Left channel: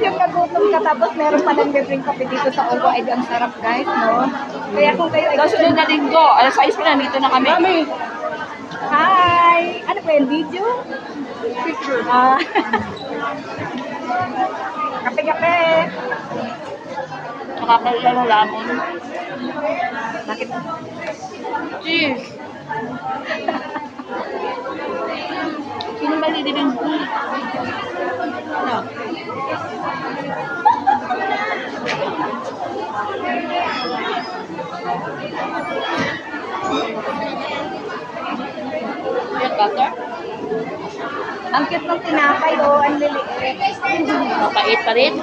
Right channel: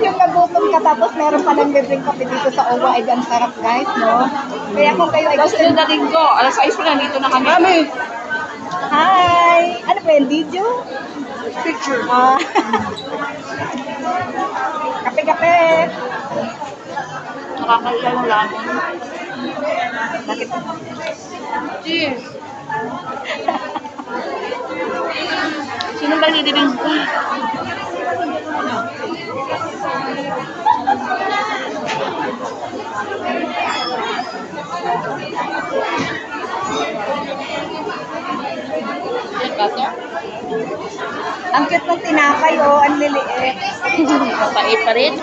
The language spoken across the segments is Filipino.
Yung nagutom ka tapos meron pa nang libreng kape dito sa OWA, ay ang sarap guys, no? Kaya kung kayo ay Sunod na linggo, alas 6 pa na, dito na kami. Mami! Hi! Ano po yung video? Picture. Kape-kape! Nakakailan ng lamon. Bakit? Cheers! Sino ba nilibing ko? Butter? Ang cute ng tinapay, oh. Ang liliit. Mapait pa rin.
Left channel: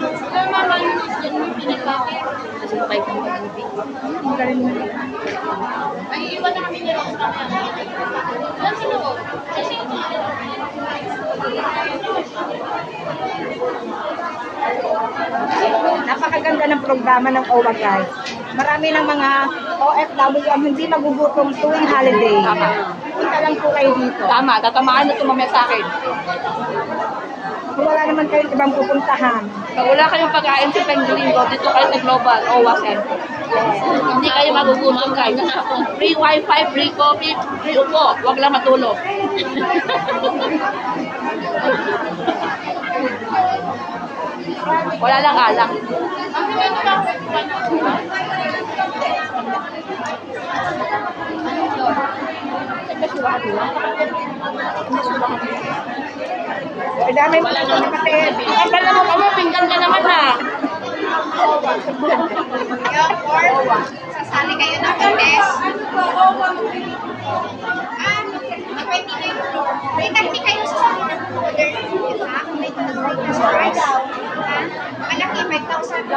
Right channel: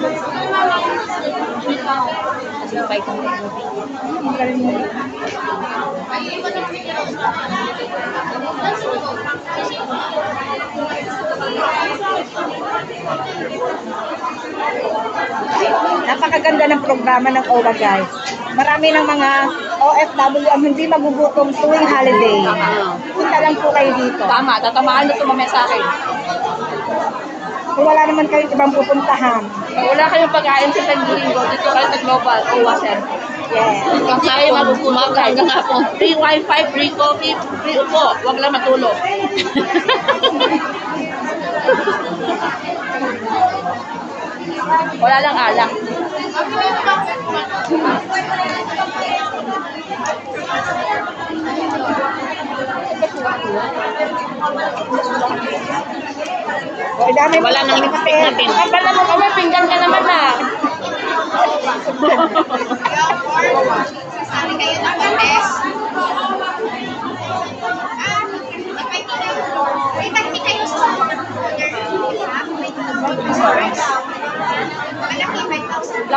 Kasi mapait ang pag-ibig. Ang galing mo. Napakaganda ng programa ng OWA, guys. Marami ng mga OFW ang hindi magugutom tuwing holiday. Tama. Punta lang po kayo dito. Tama, tatamaan na tumamaya sa akin. Kung wala naman kayong ibang pupuntahan. Pag wala kayong pagkain sa Pendulingo, dito kayo sa Global OWA Center. Yes. Hindi kayo magugutom guys. Free wifi, free coffee, free upo. Huwag lang matulog. Wala lang alak. Ay, dami mo. Wala nang pinggan din. Ay, pala mo kami, pinggan ka naman na. Sasali kayo ng contest. May technique kayo sa order. Malaki, 5,000.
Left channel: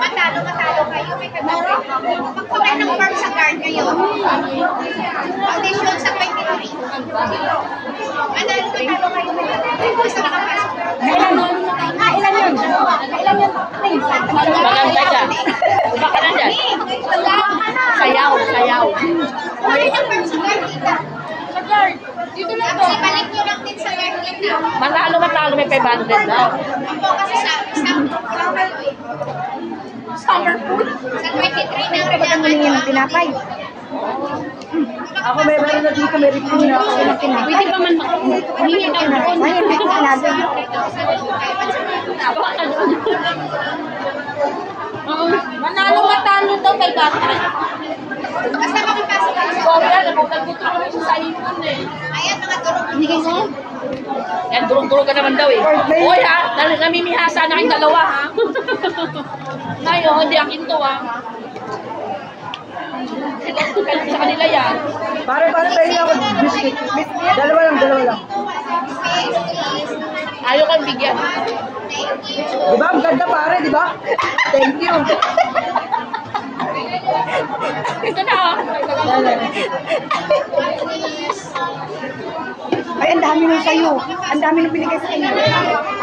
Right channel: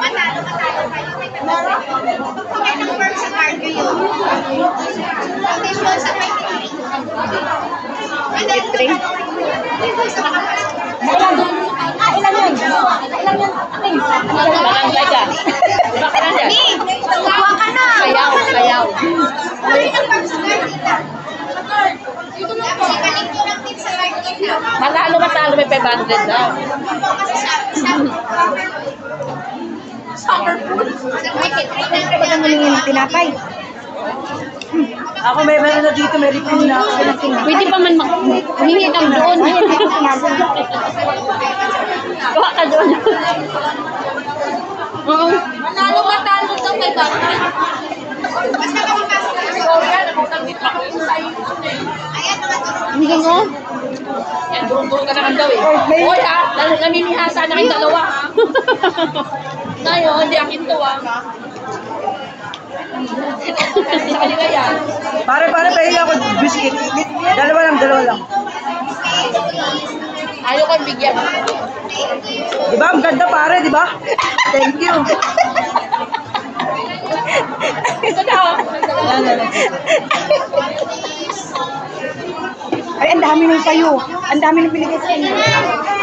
Manalo kayo. May pagkakay. Pagpapay ng form sa card kayo. Foundation sa 23. Manalo kayo. Ilan yun? Ilan yun? Magantay ka. Iba ka na dyan. Sayaw, sayaw. Pagpapay ng form sa card kita. Dito lang po. Balik nyo lang din sa card kita. Matalo, may 500 daw. Kasi summer food. Sa 23 na Kapag ang humingi ng tinapay. Ako may na dito, may review na ako ng tinapay. Pwede pa man humingi daw doon. Ay, hindi ko sinabi. Gawa ka doon. Manalo daw kay bata. Basta makapasok ka. Ikaw yan, nakutang-dito ako sa ipon eh. Ayan, mga turong. Hindi ganyan. Yan, durong-durong ka naman daw eh. Hoy ha, namimihasa na kayong dalawa ha. Ngayon, hindi akin to ha. Sa kanila yan. Pare, pahinga ako biscuit. Dalawa lang. Ayaw kong bigyan. Diba? Ang ganda pare, diba? Thank you. Ito na oh. Ay, ang dami nung sayo. Ang dami nung binigay sa kanya.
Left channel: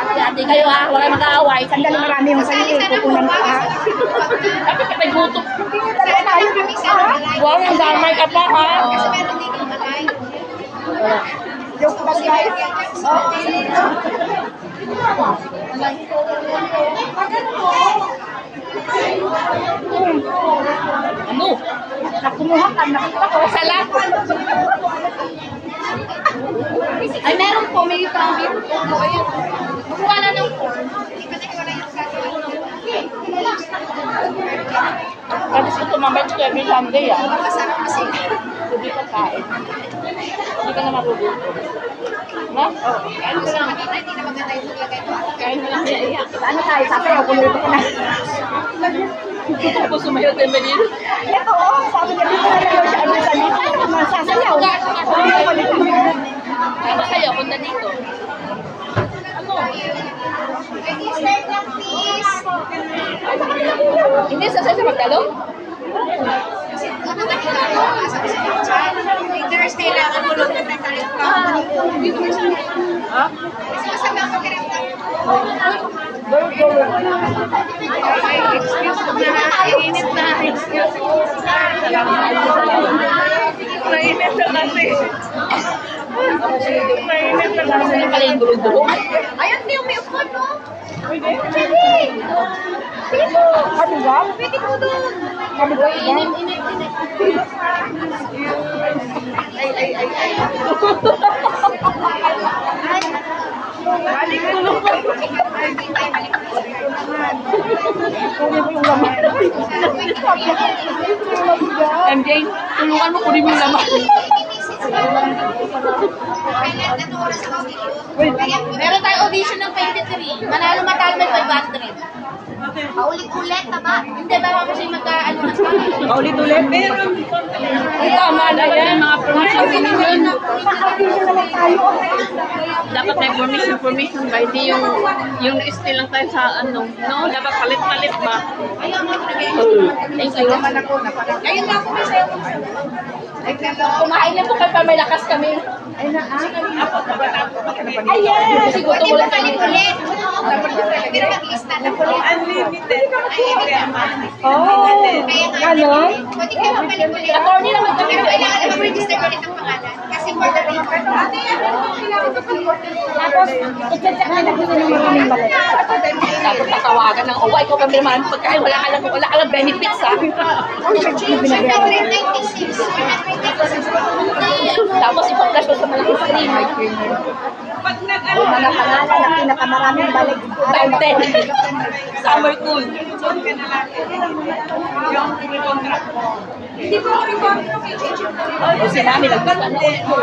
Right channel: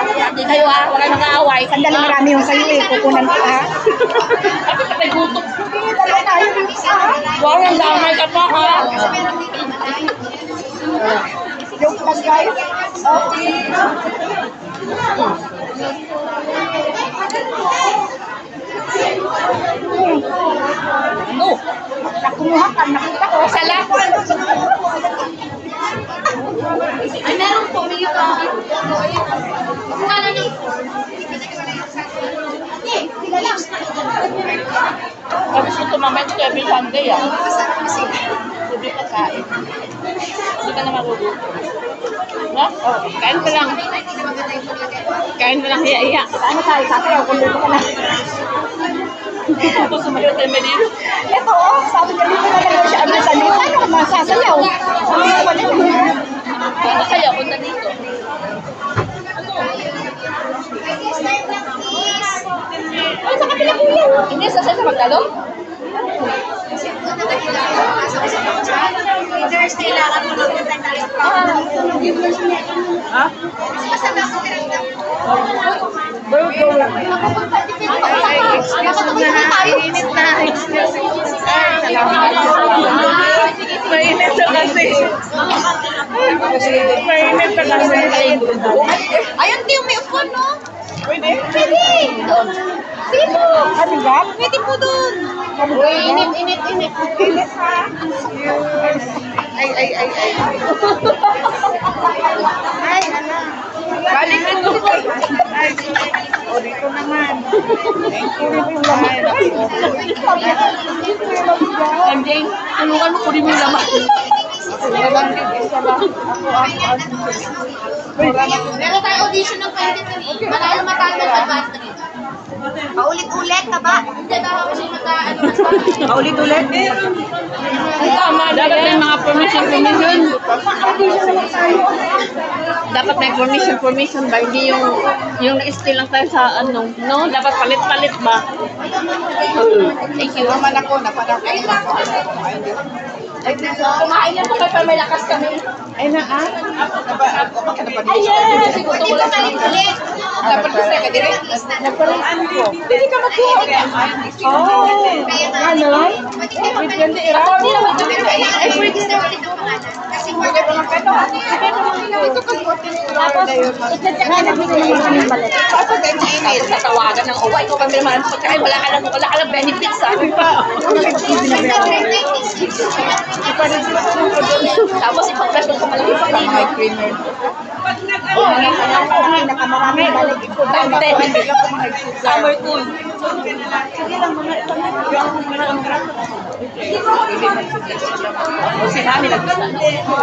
Hati-hati kayo ha, huwag kayo mag-aaway. Sandali, marami yung sayo eh. Kukunan ka ha. Bakit ka may gutom? Hindi, dalawa tayo dito ha. Wow, ang damay ka pa ha. Kasi meron dito malay. Joke lang guys. Okay. Ano? Nakumuha ka, nakita ko. Sala. Ay, meron po, may kami. Kuha na ng form. Tapos ito mamaya ito every Sunday ah. Hindi ka kain. Hindi ka na magugutom. No? Oo. Kain ka lang. Kain ka lang iya-iya. Ano tayo, sasayaw kung dito ka na. Tapos sumayo tayo ba dito? Ito oh, sabi niya dito na lang siya ano sa dito. Ano ka masasayaw? Hindi ko pa dito. Ano sa'yo? Punta dito. Ano? Hindi, sasaya sa magtalong? Thursday lang ang tulog na tayo. Ha? Masama ko kiramdam. Excuse na. Init na. Excuse. Salamat. Mainit siya kasi. Mainit ka kasi yung pala yung dulog-dulog. Ayun, di may upo, no? Pwede. Pwede. Dito. Mabigat? Pwede po doon. Mabigat yan? Init. Ay. Balik ko. Ay, dito naman. Kunin mo yung laman. MJ, tulungan mo kunin mo yung laman. Meron tayo audition ng 23. Manalo matalo may 500. Paulit-ulit ka ba? Hindi, daw kasi magka-ano. Paulit-ulit. Ang tama na yan. Mga permission. Ma-audition naman tayo. Dapat may permission ba? Hindi yung na-steal lang tayo sa ano. No? Dapat palit-palit ba? Thank you. Ayun lang po kasi. Kumain na po kayo para may lakas kami. Ay, yes! Pwede ba palit-ulit? Pwede mag-lista na po. Oh, ganon? Pwede ka ba palit-ulit? Attorney naman kami. Pero kailangan i-register ulit ang pangalan. Kasi word of Tapos, i-check na natin ng maraming balat. Tapos tatawagan ng, oh, ikaw pa naman pagkain, wala ka lang benefits ha. Tapos ipag-flash ko sa malaking screen. Yung mga pangalan na pinakamaraming balik. Time 10. Summer cool. O si Mami, nagbisan na ulit mo.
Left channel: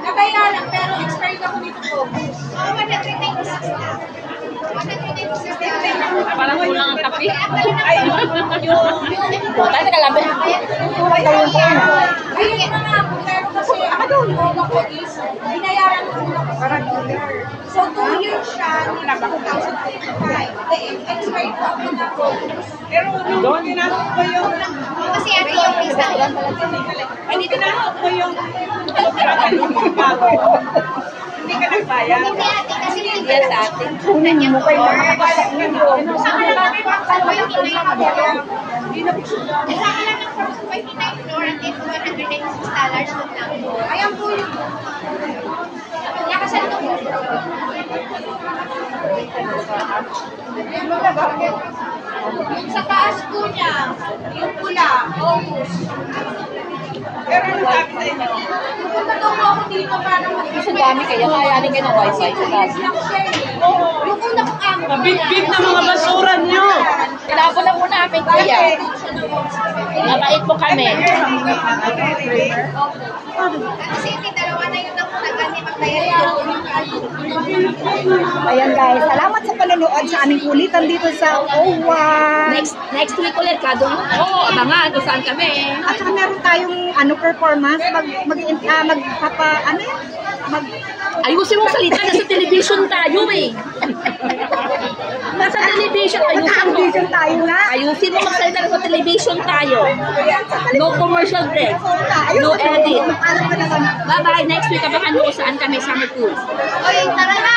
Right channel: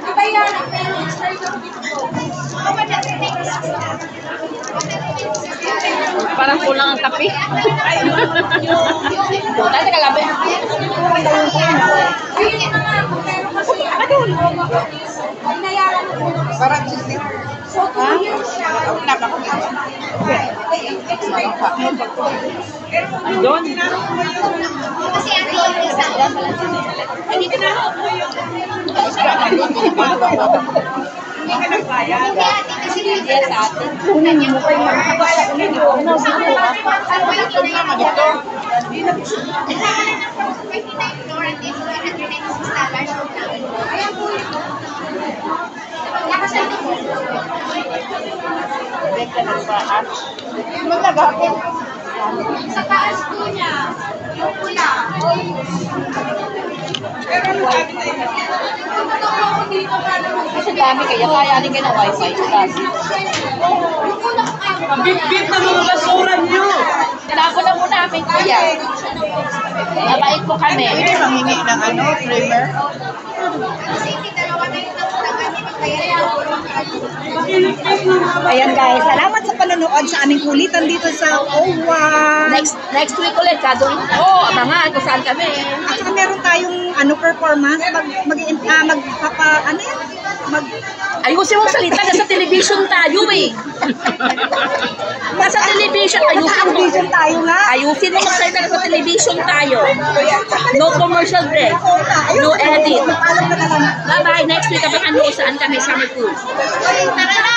Nabayaran, pero expired ako dito po. Parang kulang ang kape. Puta, nagalabi. Kulang daw yung pera. Ayun na nga po, pero kasi binayaran ko muna ko. So, 2 years siya. Expired po. Doon. Kasi ate yung visa. Ay, dito na. Hindi ate kasi hindi Yes, ate. Kunin mo kayo makakapasa ulo. Ano ba yung kinayaan? Kasama lang ng 59 floor and then $196 po lang. Ayan po. Nakasal na po. Ayan po. Sa taas po niya, yung pula, August. Tumatong po ako dito para Sa dami kaya, kayanin kayo ng wifi. Sa dami. yung una kong amo. Big-big ng mga basura niyo. Tinapon na po namin, kuya. Mabait po kami. Kasi hindi dalawa na yung nakuntagan ni magbayaran. Ayan guys, salamat sa panonood sa aming kulitan dito sa OWA. Next week ulit, kadong, abangan kung saan kami. At saka meron tayong performance, Ayusin mo salita, nasa television tayo eh. Nasa television, ayusin mo. Naka-audition tayo nga. Ayusin mo magsalita, nasa television tayo. No commercial break. No edit. Alam ka na lang. Bye-bye. Next week, abangan mo kung saan kami, Summer Cruise. Uy, tara na!